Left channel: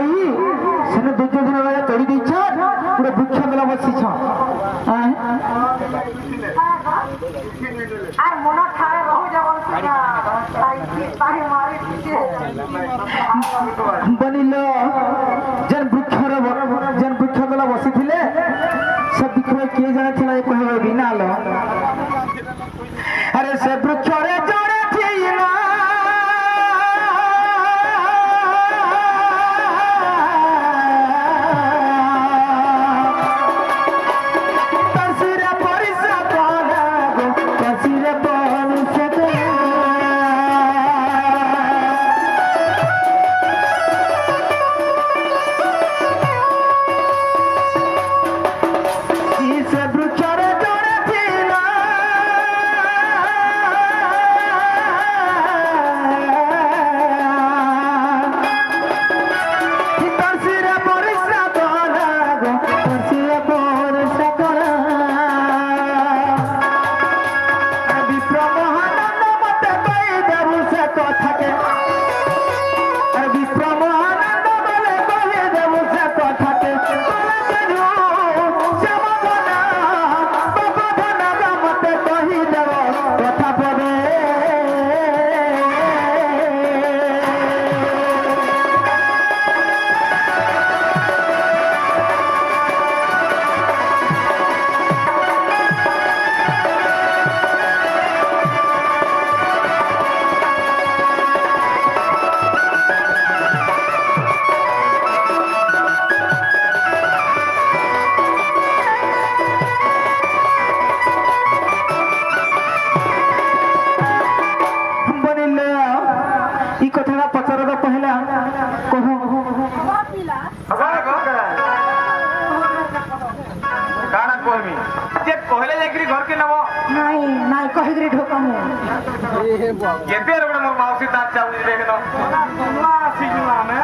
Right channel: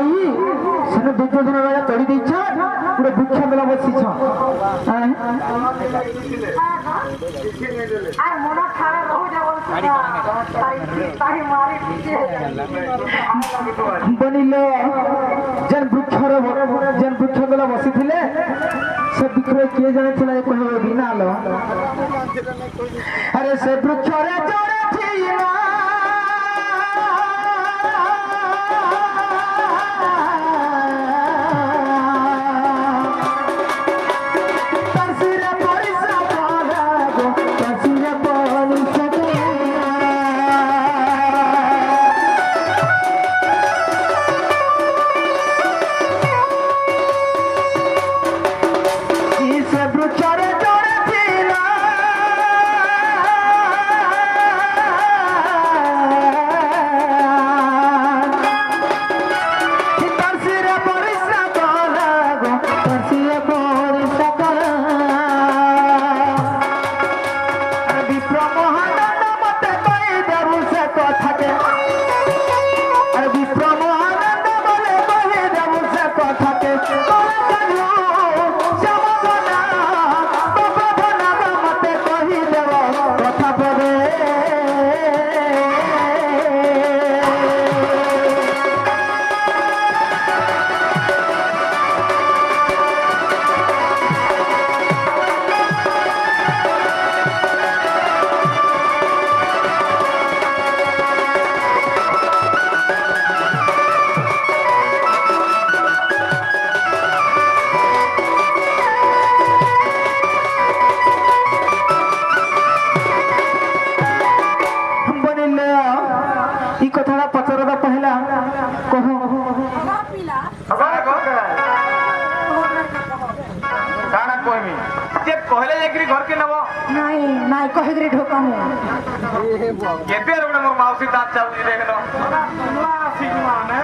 হই সেনে দুর্যোধন রাজা তড়ি দিচ্ছ পুরো বৃক্ষ মেলা বসিছ আর মনে ঠাড়ে রহু যাবন বনিল যেন বৃক্ষ মেলা বসিছিলে সে বৃক্ষরে কিଏ জানিଥିଲା যে କହିବ ବିନା ଲ আরে সে বৃক্ষরে জড়ে ছিল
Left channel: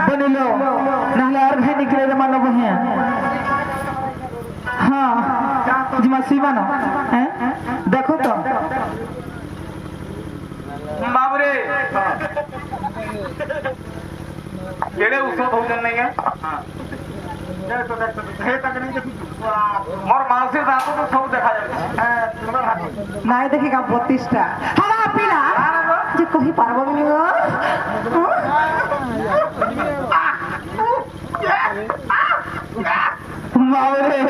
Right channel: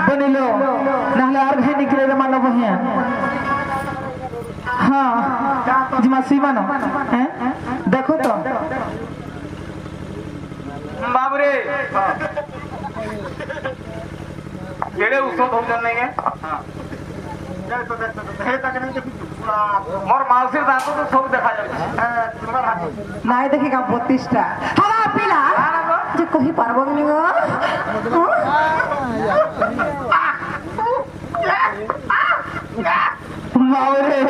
বনিল নাহলে আর ভাই নিকলে মানব হ্যাঁ হ্যাঁ জিমা সিমানো হ্যাঁ দেখো তো বাবুরে কেড়ে উৎসব হচ্ছেন নাই মোর মাউসির দাঁত তো সব দেখা যাচ্ছে নাই দেখি কা 32টা হালা পিলা যে কহি পারবো নি গো মাওরে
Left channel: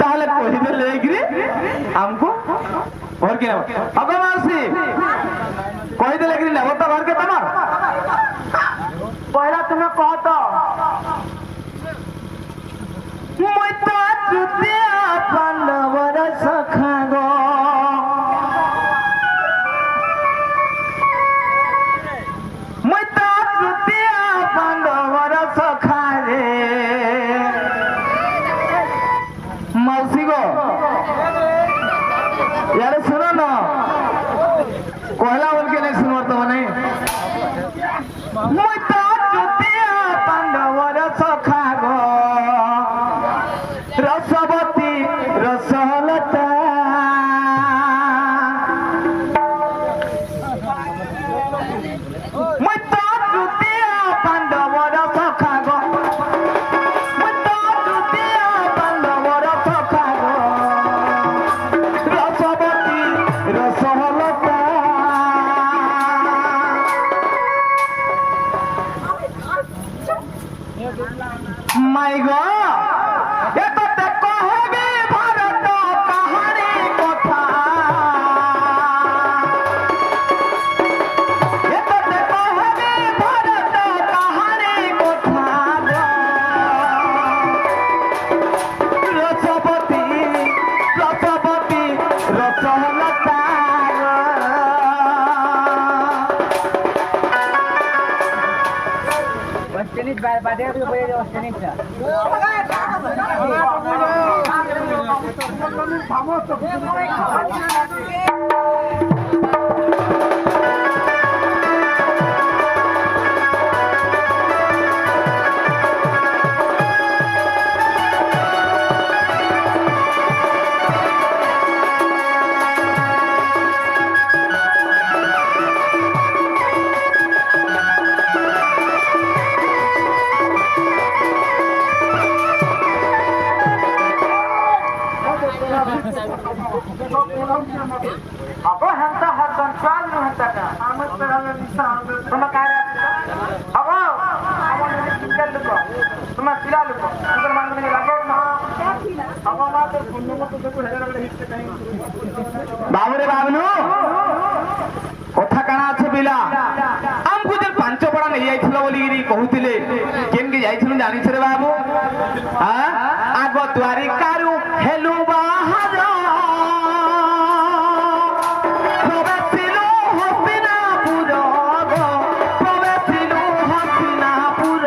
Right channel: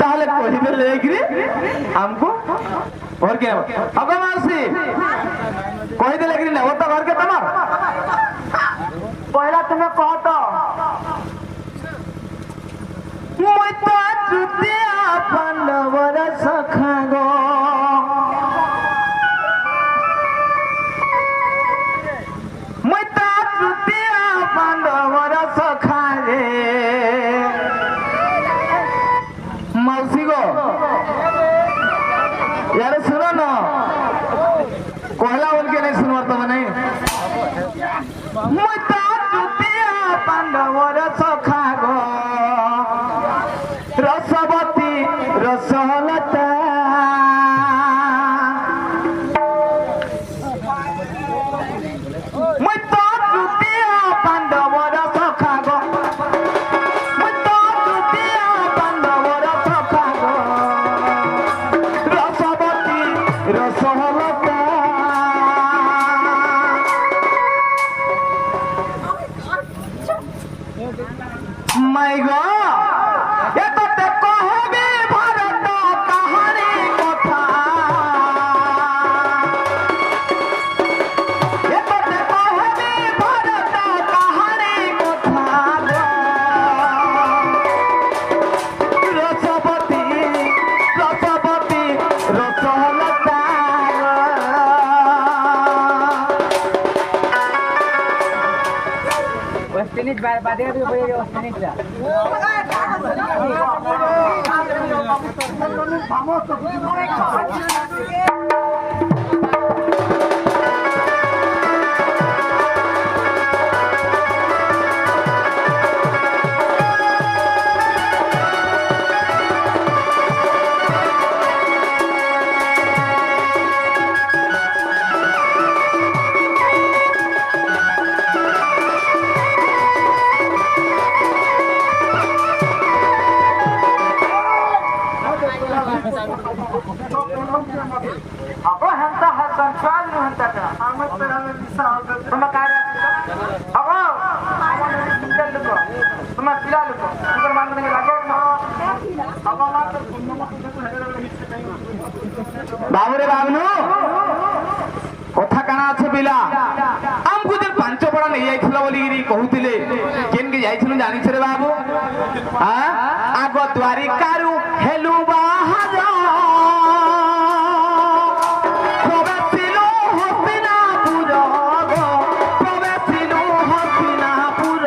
তাহলে কহিবে লেগরি हमको और क्या अब मासी कहि दे लेगरी नेबो तो घर के तमार पहला तुमने कह तो मुई तो जुतिया पांडवर सखा गो मुई तो जुतिया पांडवर सखा रे मौसी गो यार सुनो ना कहला बोल के नहीं सुनो तो नहीं मुई तो जुतिया पांडवर सखा गो रसवती रसलता मुई तो जुतिया पांडवर सखा गो मुई तो जुतिया पांडवर सखा गो रसवती रसलता माय गॉड ये तो ते कहबे भारत कहानी कथा ये तो ते कहबे भारत कहानी कथा रसवती रसवती रसलता टेनिस बादे तो बोले जो टेनिस का कंट्रोल नहीं होता था हमें तो हमें दिशा होता तुम कह रहे अब हमारे सिंगल लोग तुम पिला लोग तुम मान में लगे ना अब हमारा तो फोन में तो देखो हेडर वाले हिस्से कहीं बाबुरे बाबलू কথা কানা আছে পিলা আমকু যে পাঁচ পড়া নেই যাইছিল বলি কহুতিলে কেনকি যাইছিল জানিছ রে বাবু হ্যাঁ আগ দ্বারিকারু হেলু বাহার প্রবেশিল হস্তিনাপুর গো প্রবেশিল হস্তিনাপুর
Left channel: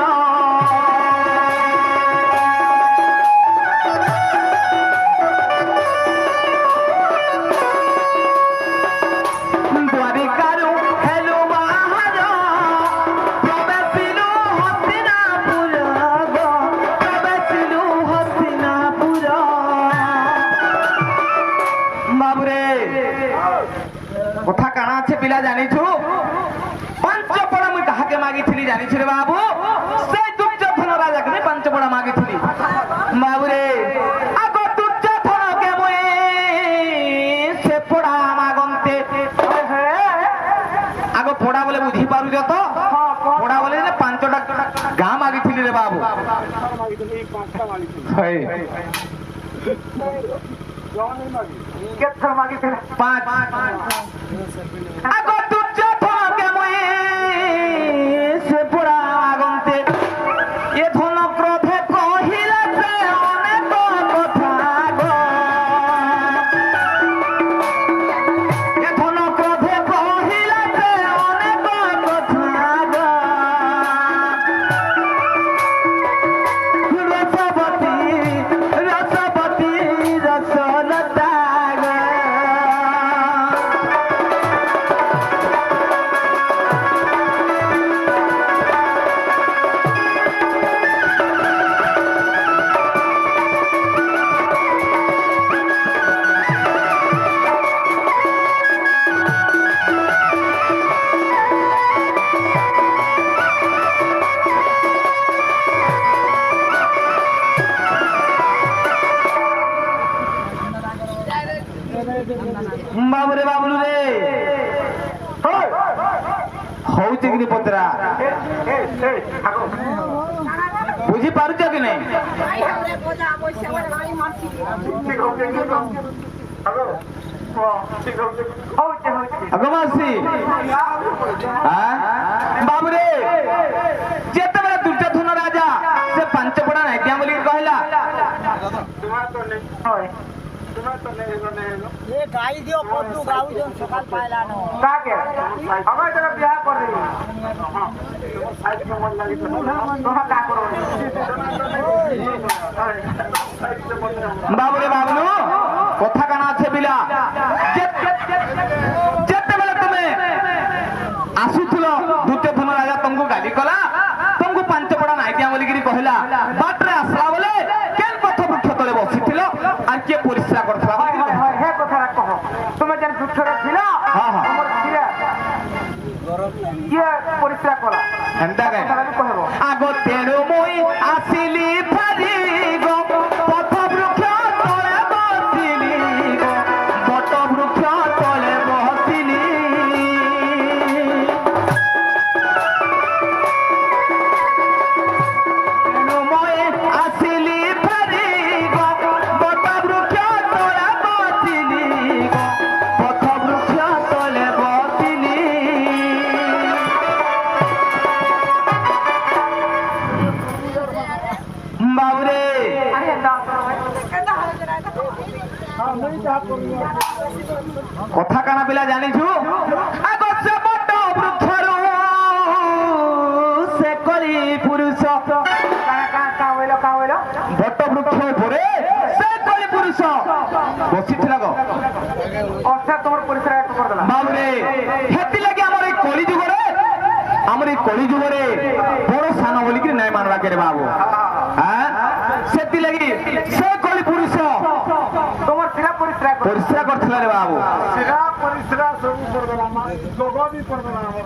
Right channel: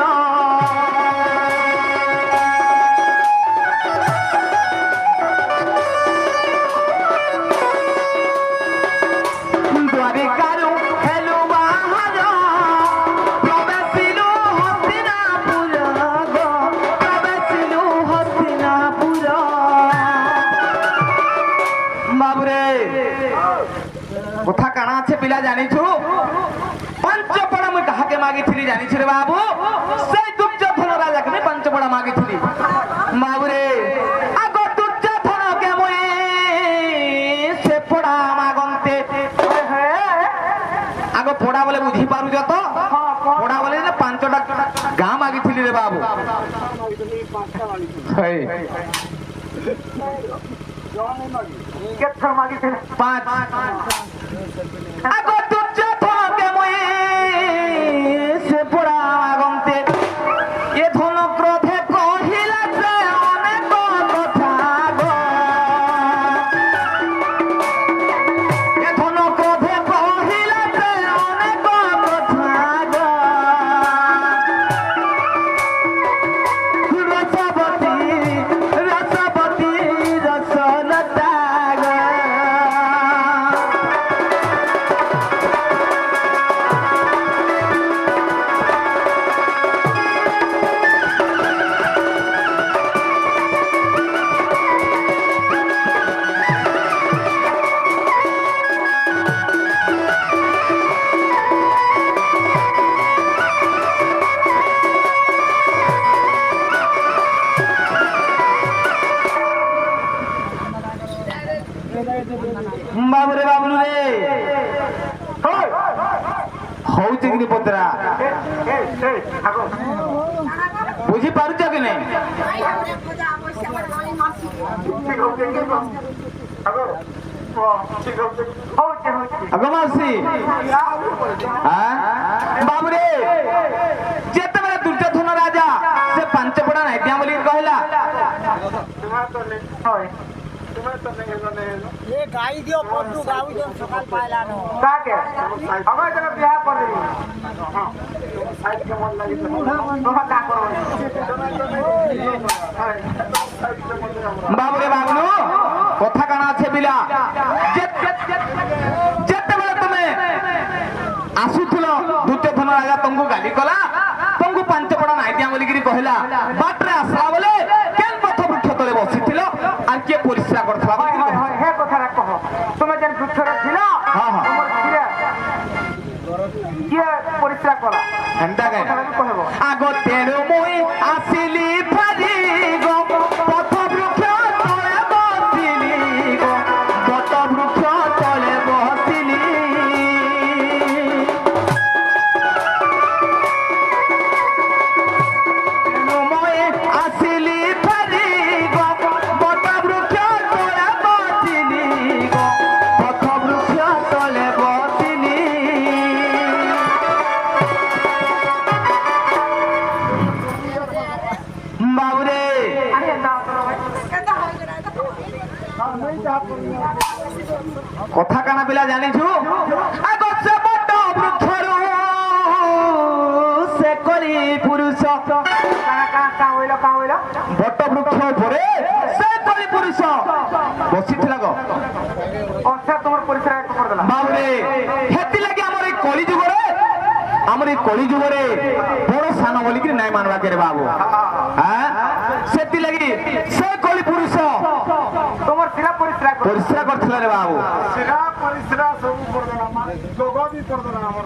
দ্বারিকারু হেলু বাহার প্রবেশিল হস্তিনাপুর গো প্রবেশিল হস্তিনাপুর বাবুরে কথা কানা আছে পিলা জানিছু পঞ্চপড়া মুই কাহাকে মাগিছিলি জানিছু রে বাবু সেই দুর্যোধন রাজাকে আমি পঞ্চপড়া মাগিছিলি বাবুরে আগ দুর্যোধন কে মুই সে পড়া মাগন্তে আগ পড়া বলে বুঝি পারুছ তো পড়া বলে যে পাঁচটা গাঁ মাগিছিলি রে বাবু হই কেথর মাগি ছিল পাঁচ আগ দুর্যোধন কে মুই সে পড়া মাগন্তে এ ধন ক্রোধে কহিলা সে অনেক কথা গো এ ধন ক্রোধে কহিলা সে অনেক কথা গো রসবতী রসবতী রসলতা গো বাবুরে বাবুলু রে হচ্ছে কি পত্রা বুঝি পারুছ কি নাই আগে মাসি বাবুরে যেତେବେଳେ ଦୁର୍ଯ୍ୟୋଧନ ରାଜା ସେ ପାଞ୍ଚ ପଡ଼ା ନାଇକିଆ ବୋଲି କହିଲା ये गाई दियो पट्टू गाऊ जो सकाल पाइला नो काके हमें तेरा ब्याह कर दे हां साइड के मन लगी तो का करो বাবুরে বাবলু কথা কানা আছে বিলা যেତେବେଳେ তুমি আসুছিল দুর্যোধন রাজা তোমাকে গালি কলা তোমাকে ପାଞ୍ଚ পড়া নাইকিଆ বলিকি কহিলা বাটরে আসলা বলে কেন পথ বৃক্ষ তলে বসিছিল আর কিଏ পরিশ্রা করছিল হে কথা কহ তুমি যেন দুঃখরে ছিল হ্যাঁ হ্যাঁ তোমার ছিরে কি পরিশ্রা করা এমতা গাই কহব আগ তেরু মই আসিলি ফারি গো পথ বৃক্ষ তলে বসিলি গো পথ বৃক্ষ তলে বসিলি মই আসিলি ফারি গো পথ বৃক্ষ তলে বসিলি গো পথ বৃক্ষ তলে বসিলি বাবুরে আরে দাও কথা কানা পিলা জানিছু আগ সে বট বৃক্ষর সে করি পুরুষ কা হইলো বট বৃক্ষ উপরে সে করি পুরুষ বসিছিল গো অর্থাৎ তোমার পরিশ্রা করে দিলা বাবুরে হেতি লাগি আমার এই কলি যুগরে বড় সান বলিকি নাই মানবা কে রে বাবু হ্যাঁ সেতি লাগি সে কলি পুরুষ তোমার ছিলা পরিশ্রা করে পরিশ্রা করছিল রে বাবু সেটা পরিশ্রা সব করে দিলা আমার লোগো भी कर देना আমার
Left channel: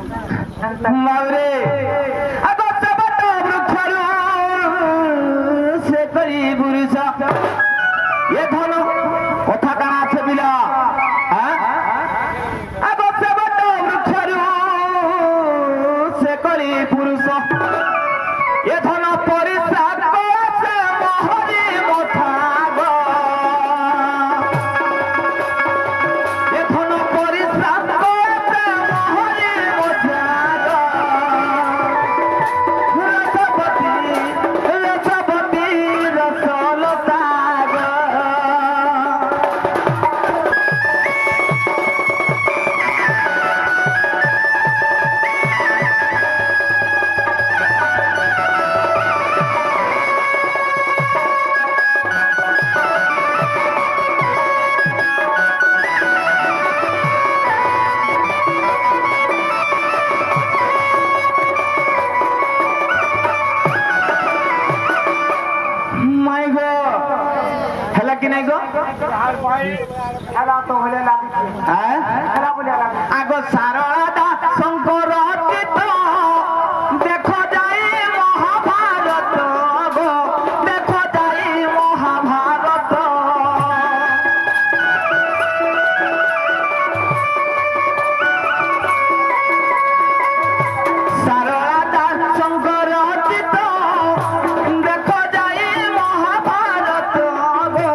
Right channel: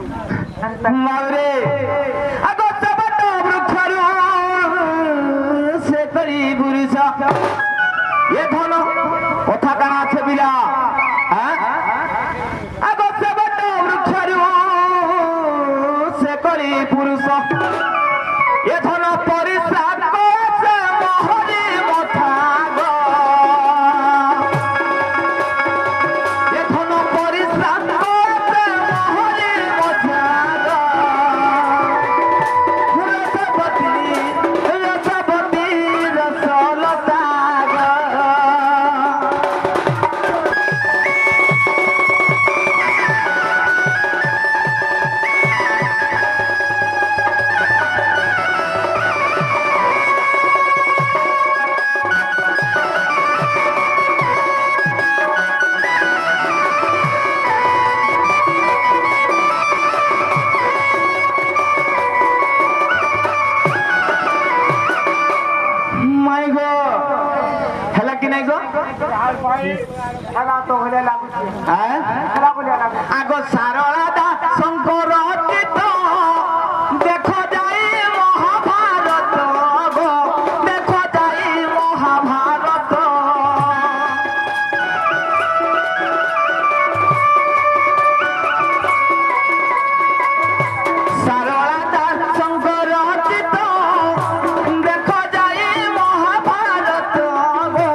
বাবুরে আগ সে বট বৃক্ষর সে করি পুরুষ এ ধন কথা কানা আছে বিলা হ্যাঁ আগ সে বট ধন পরিশ্রা করছে মোহরি মথা গো এ ধন পরিশ্রা করছে মোহরি মথা গো রসবতী রসবতী রসলতা গো মাই গো হেলা কি নাই গো খেলা তো হলে লাগুছে হ্যাঁ খেলা বলে লাগুছে আগ সারদা শঙ্কর কীর্ত দেখো যাই মহাভারত গো দেখো যাই মহাভারত সারদা শঙ্কর কীর্ত দেখো যাই মহাভারত গো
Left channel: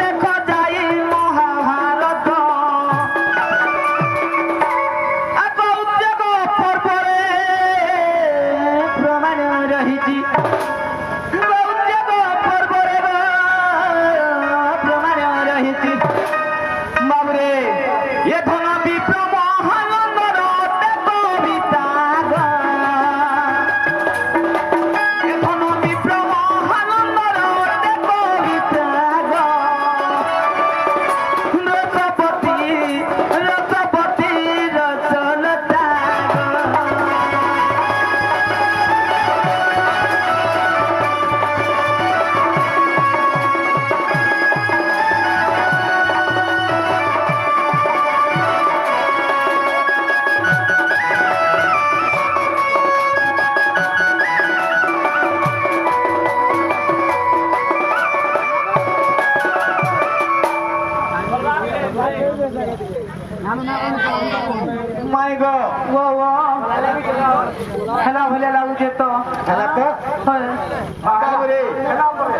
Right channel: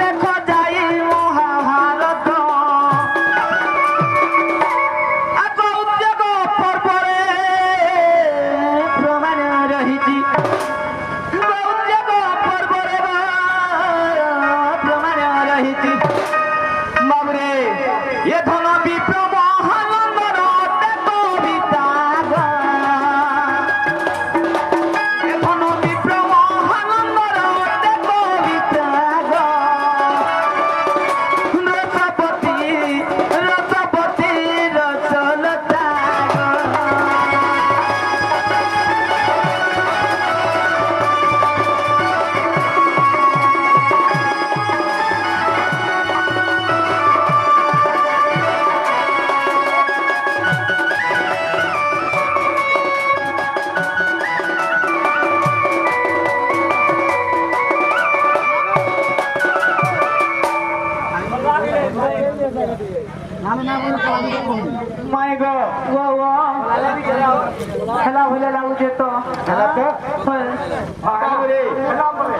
দেখো যাই মহাভারত আগ উদ্যোগ পর্ବରେ প্রমাণ রহিছি উদ্যোଗ পর্ବରେ প্রমাণ রহিছি বাবরে এ ধন বিপ্র মহানন্দর কবিতা গো এ ধন বিপ্র মহানন্দর কবিতা গো রসপতি রসপতি রসলতা মাই গো ও খেলা হলে লাগুছে তো ହେଲା ତ ବାବୁରେ খেলা বলে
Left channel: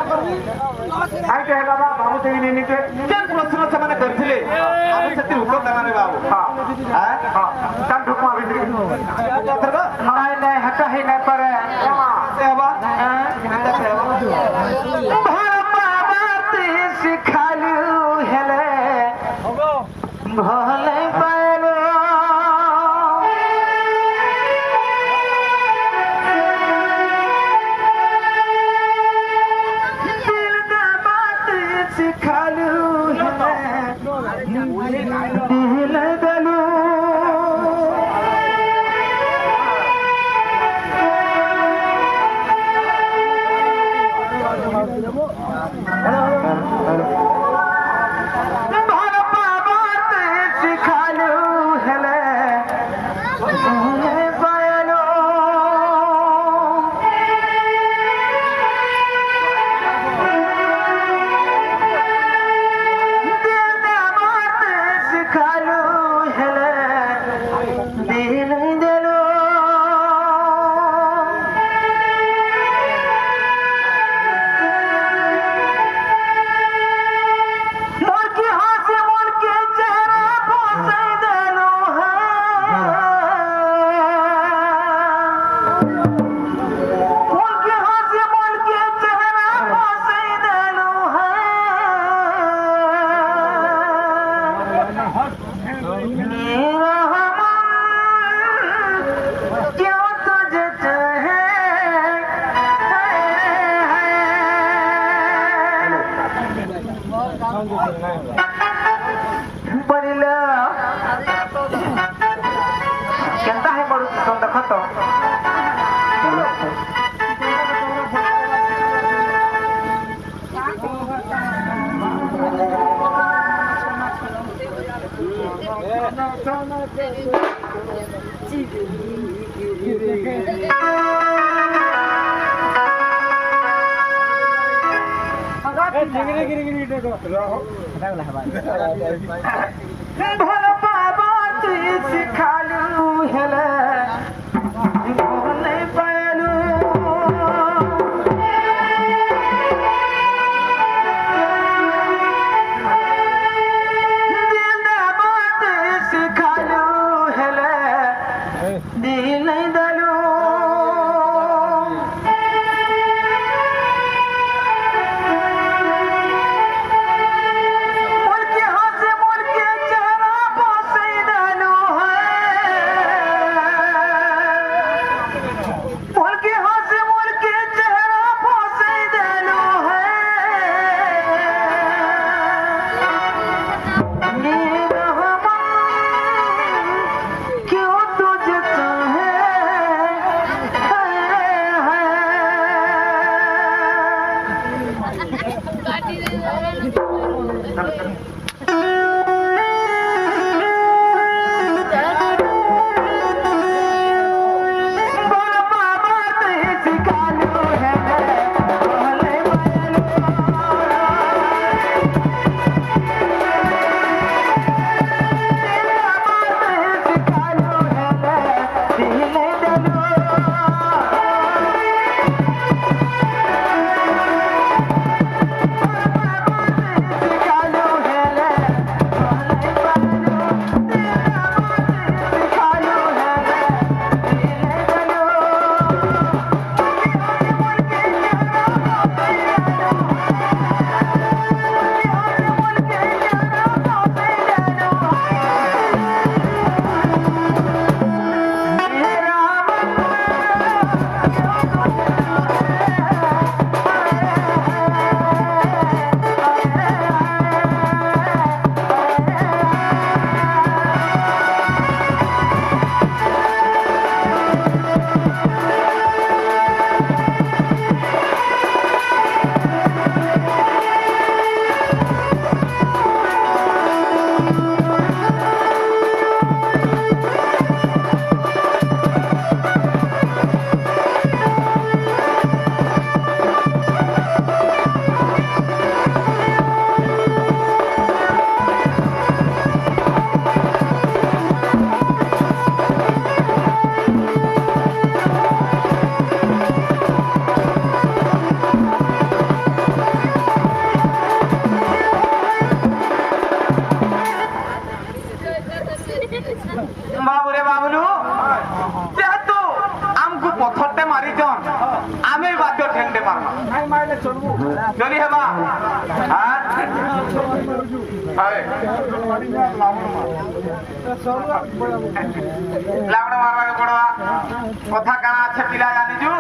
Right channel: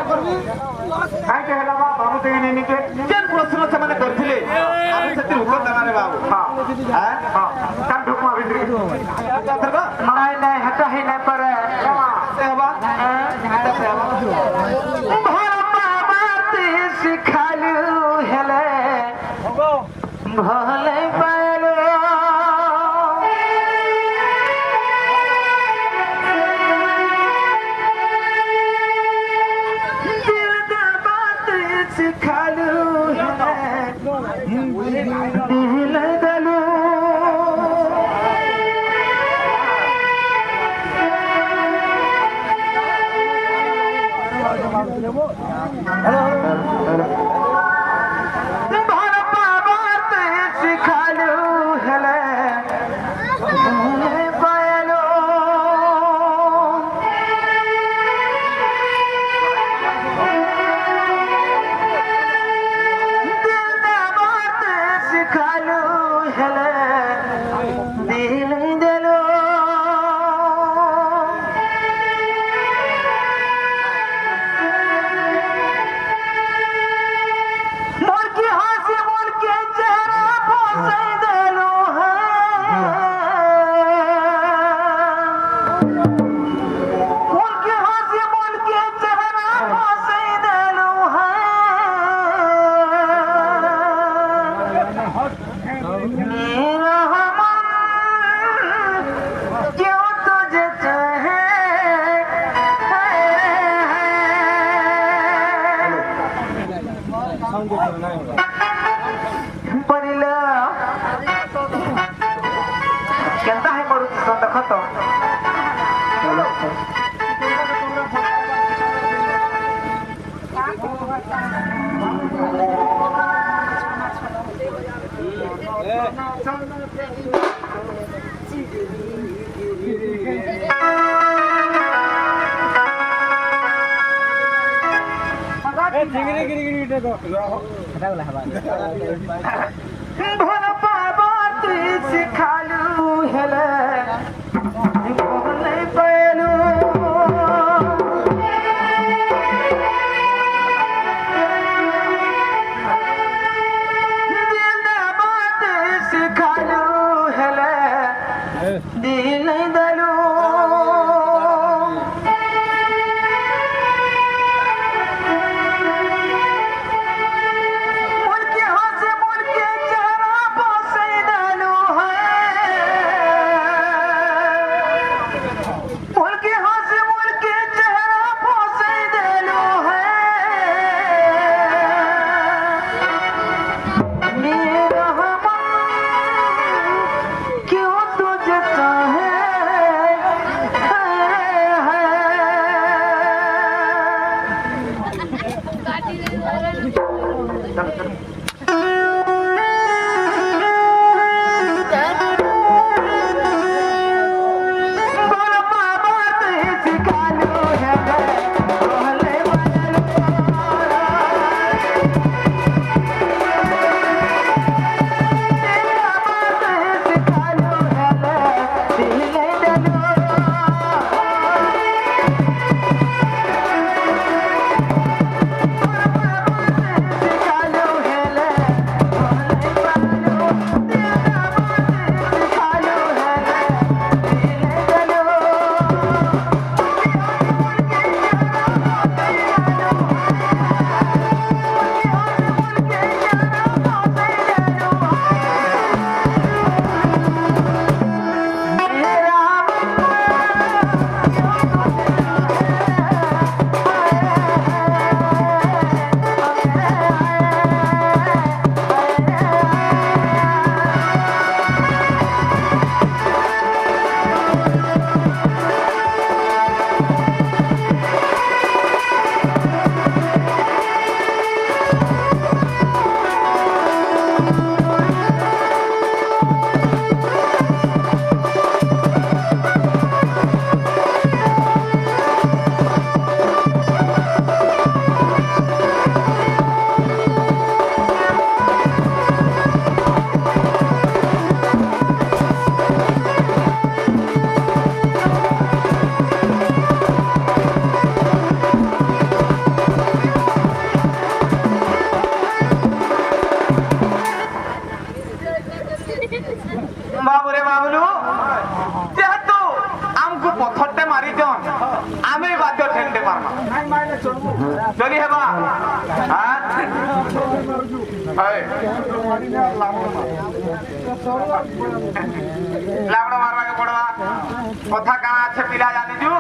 কাইতে হেলা বা বাবু তো ইনি নিতে କେନ୍ ପ୍ରଶ୍ନ ସେମାନେ କରିଥିଲେ ଆମେ ସେଥିରେ ଉତ୍ତର ଦେବାରେ ବାବୁ হ্যাঁ হ্যাঁ হ্যাঁ কাল ঢুকমা ভিতরে ଏଥରକ নাই নাই হেটা হেই নাই পারে ଦେବା ভাবাতে শিখালু হেলে ভলে পাইলো বাতে শিখালু হেলে দিলে গেলু ভাবাতে শিখালু হেলে ভলে পাইলো বাতে শিখালু হেলে দিলে গেলু মুরগি হাসি মুরগি চেহারা বসাই দিলু মুরগি হাসি মুরগি চেহারা বসাই দিলু क्यों तुझे चाहे परिला केनता है बड़ू सुन देखो तो भल पाबा तुई सिखालू हेले भले पैलू বাবুরে বাবুলু যেহেতু আমকু পথরটা মারিছন আমি বাধ্য ঠেলতে পারবা নাই মারলে চলবো চলি হেবা হ্যাঁ মারি না লাভো মার লাবড়া মারবাকে পড়বা কথা কানা আছে পিলা জানিছু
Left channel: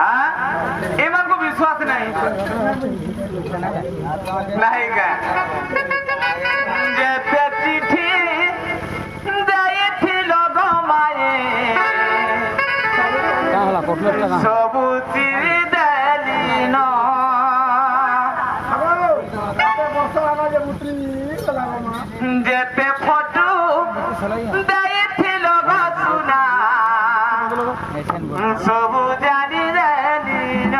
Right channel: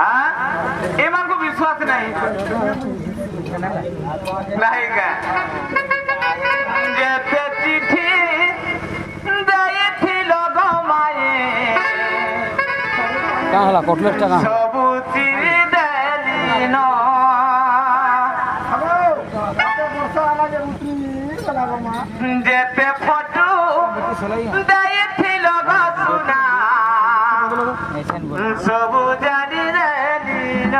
হ্যাঁ এমানকু বিশ্বাস নাই নাই কা যেতে চিঠি দেইছিল গো মায়ে সবু চিরি দেলি ন বর্ষা আনাজে উতরি লাভো মা যেতে ফটো দেইছিল গো সুনা সবু জানি দেলি ন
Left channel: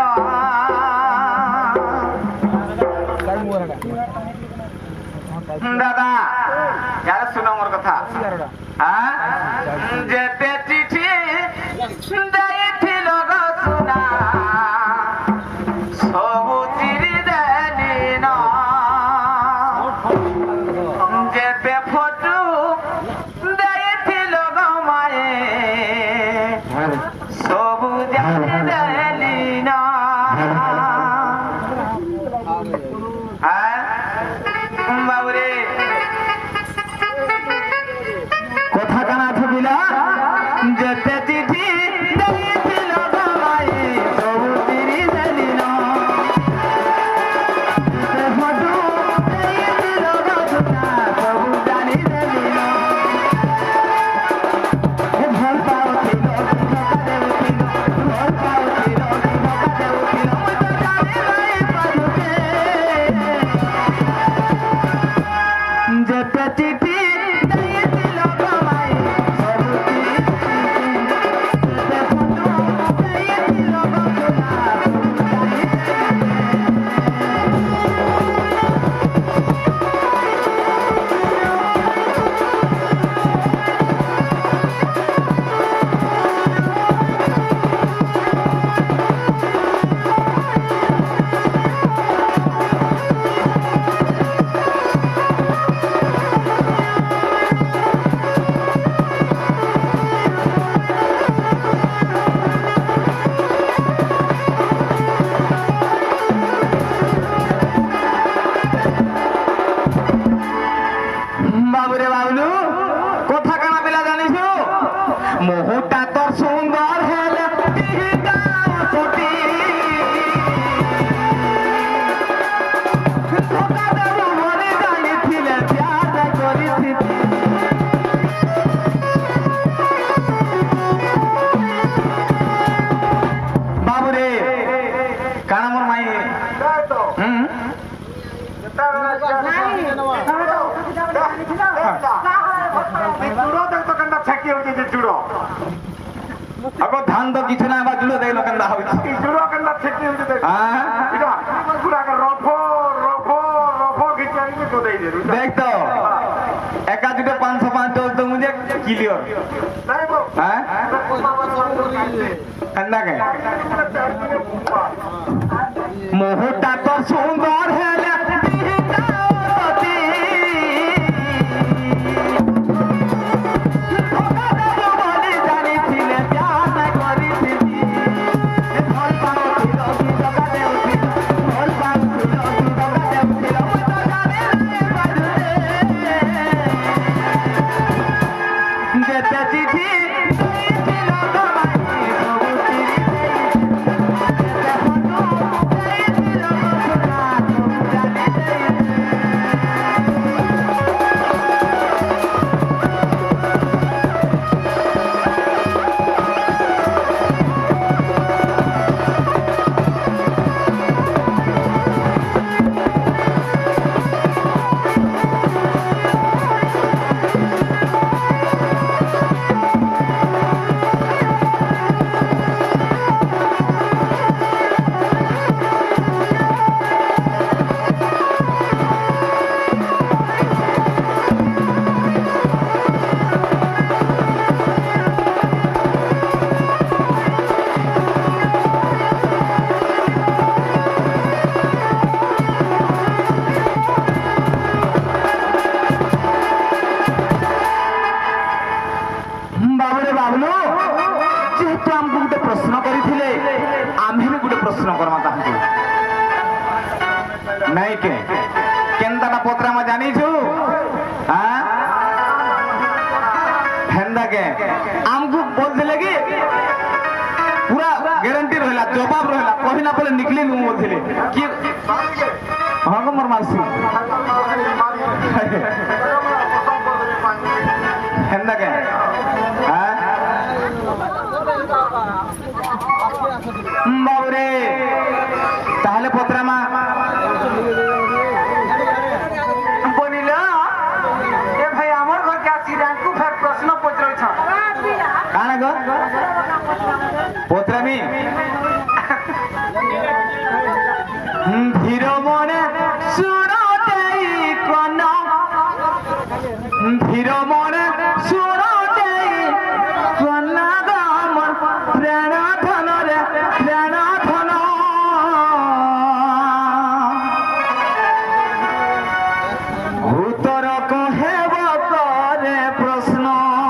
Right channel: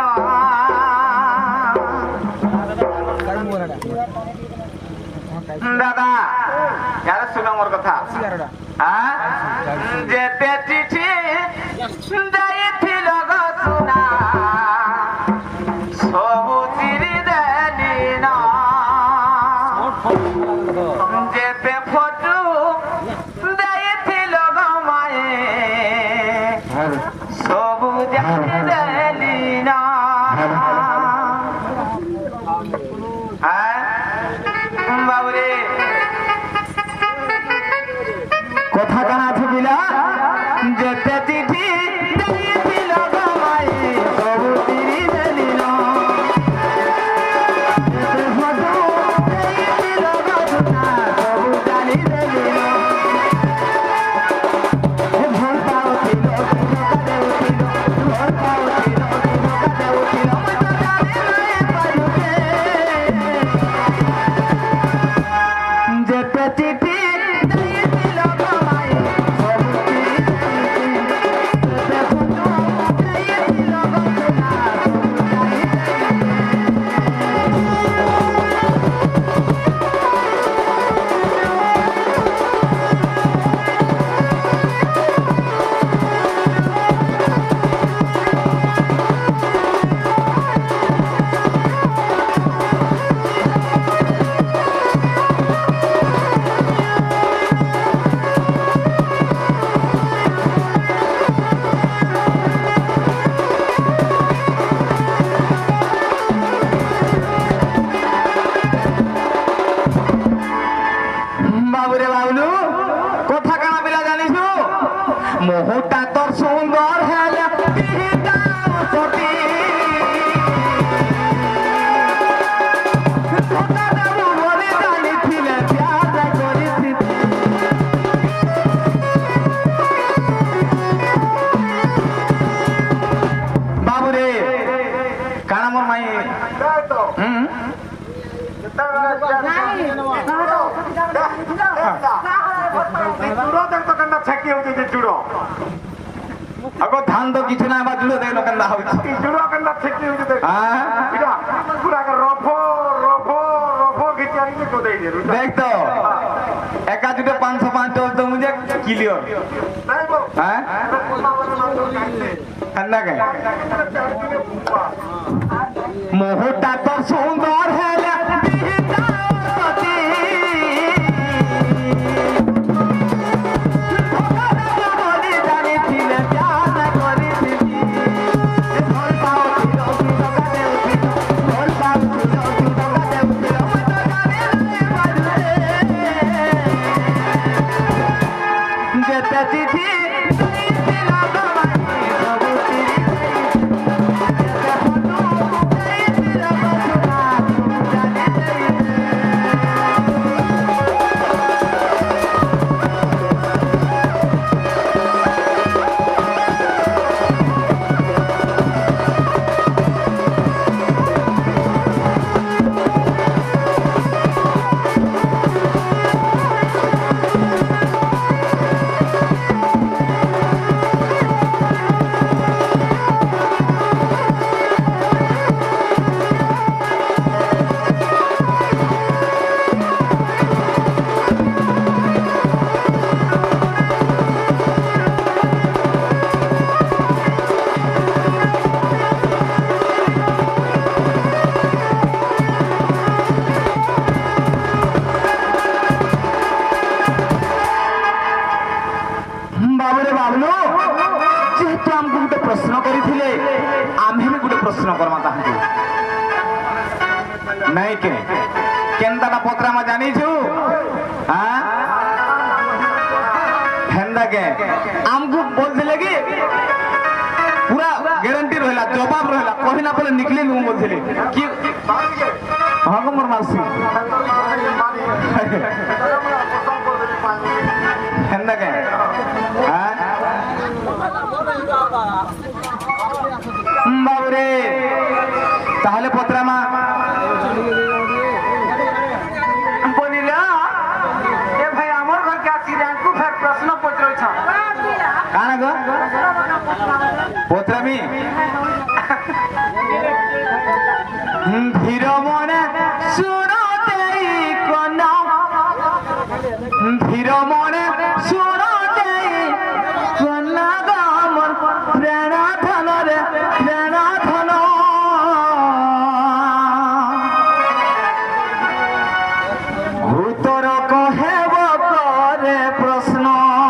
দাদা যারা শোনো মোর কথা হ্যাঁ যেতে চিঠি দেইছিল গো সুনা সবু চিরি দেলি ন যেতে ফটো দেইছিল গো মায়ে সবু জানি দেলি ন হ্যাঁ বাবুরে কথা কানা আছে বিলা যেতে চিঠি দেইছিল গো মায়ে সবু চিরি দেলি ন যেতে ফটো দেইছিল গো সুনা সবু জানি দেলি ন ভোলতা উঠিল সকালে উঠিল ভোলতা উঠিল সকালে উঠিল ଚୁଡ ଦେଖ କେନ୍ତା ଛେକି ହଉଛି ଯେ ଚୁଡ ଆଗ ଧାନ ତ କିଛି ନା ବାଜିଲ ଦେଖ କେନ୍ତା ହଉଛି ଚୁଡ କେନ୍ତା ଛେକି ହଉଛି ଦେଖ হ্যাঁ ପୁରା ରଫ ରଫ ରଫ ଘିଚି ଆଣିକି ଗୋଦେଇ ଦେ দেখ তো একা দুটো 505 চলতো মুঝে ক্লিয়ার হ্যাঁ কেন্তা কে মোহটা তো সুন্দর হ্যাঁ বাবুরে বাবলু যেহেতু আমি গোটে প্রশ্ন করিছিলে আমি বি গোটে প্রশ্ন করমা তাহাকে নাই কে কেনতাটা পত্রামা জানিছু হ্যাঁ হেন্দা কে আমকু বলছিলে কি পুরা গ্যারান্টি রহিলা জবাব রহিলা কহিলা বলে নিকলি নু বলছিলে কি হ্যাঁ গো মোর মাসি হেন্দা কে হ্যাঁ বাবুরে তাহলে পত্রামা বলিল এ ভাই আমার ঘরকে আসি রাঙ্কু ফের প্রশ্ন পচারছ কানা গো পত্রামি ধীর মনে